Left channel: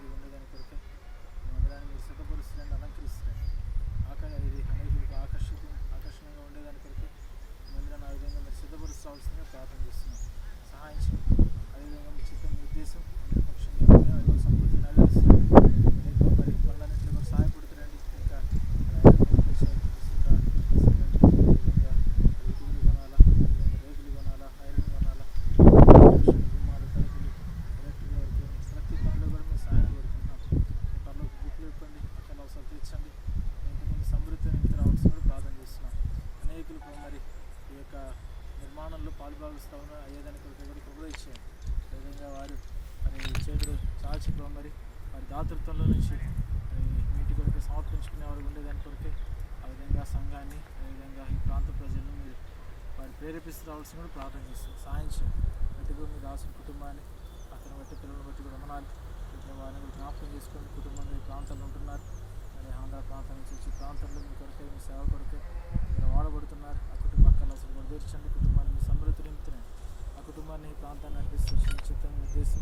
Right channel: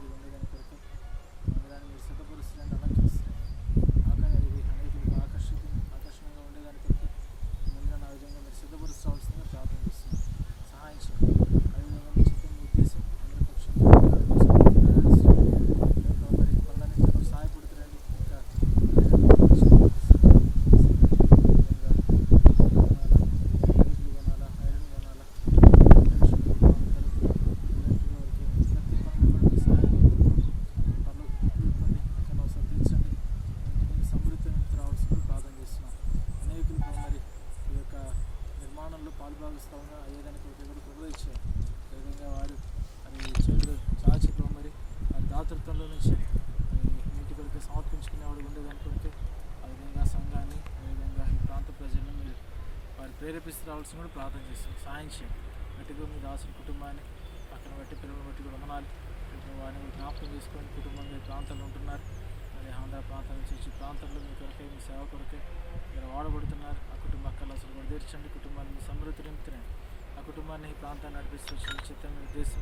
to the end of the కొలుస్తూ ఉన్నారు అయ్యేదాని కొరకు కూడా కృప ఇచ్చేయండి అదేవిధంగా వారు మరి చేతులు చాచి మరి వారి దాతృత్వంలో నుంచి నీటి కొరకే సమర్పించుకునేవాడు ఉండేదాని కొరకే ఆ విధంగా సంఘాన్ని అదేవిధంగా ఈ ప్రాంత ప్రజలను మీరు వారు ప్రేరేపిస్తూ రావాల్సి కూడా ప్రార్థన చేస్తాం సాయం చేయండి. గట్టిగా మీ దాసిన కుటుంబాన్ని పక్కన బట్టి పిల్లలను బట్టి కూడా వందనాలు వారిని కూడా జ్ఞాపకం చేసుకొని కుటుంబంగా ఈ ప్రాంతాల్లో ఉంటున్నారు. మరి ఆంధ్ర ప్రాంతం నుంచి వచ్చి ప్రాంతంలో మీ కొరకే మీ సేవ కొరకే మీరు వాడబడుతున్నారు. ఆ కుటుంబ అక్కలు అసలు కూడా తీర్చండి. కుటుంబాన్ని మీ సమృద్ధి నింపుతున్నాయి ఆ కుటుంబాన్ని ఈ ప్రాంతాన్ని నడిపిస్తున్న చిత్రం చిత్తం ఉద్దేశం.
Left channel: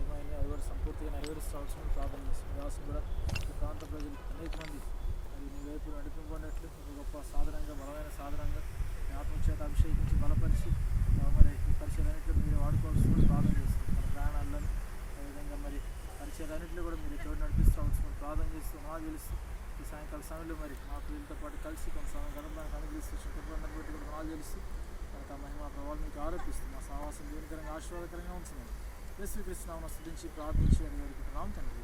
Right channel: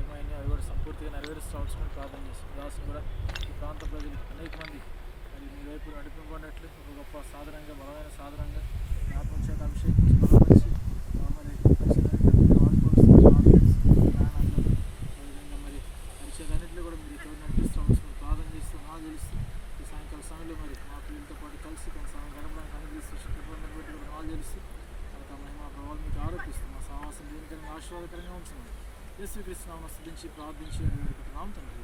ఏమైనా అవి కూడా సంపూర్తిగా నెరవేరుస్తూ రావాల్సిన ప్రార్థన చేస్తుంది దాసం కూడా ఈ ప్రాంత ప్రజలు అనేక మంది. మరి మీ వైపు నడిపింపబడినట్లు ఒక గొప్ప సాధనంగా బలమైన సాధనంగా మీ ఆత్మ చేత అభిషేకించి బలపరిచి మరి పరిచయాలన్నింటిలో మీరు వాడుకోవాల్సిన ప్రార్థన ప్రయాణాల్లో అదేవిధంగా మరి పరిచయాలన్నింటిలో కూడా మీరు తోడు నడిపిస్తూ ప్రార్థన చేస్తూ నా తెలుస్తూ ఈ సాయంకాల సమయంలో మరి మా పిల్లలతో పాటు కలిసి కొంత సమయం గడపడానికి అనుగ్రహిస్తూ కృపలను బట్టి కూడా నా తెలుస్తూ తర్వాత మహిమ ప్రభావాలు మీకు ఆరోపిస్తూ. మా సహవాసం దేనికరంగా ఆశీర్వాదకరంగా ఉంచమని. యేసు కృష్ణ స్తుతించి ప్రార్థించి అని వేడుకుంటున్నాం తండ్రి.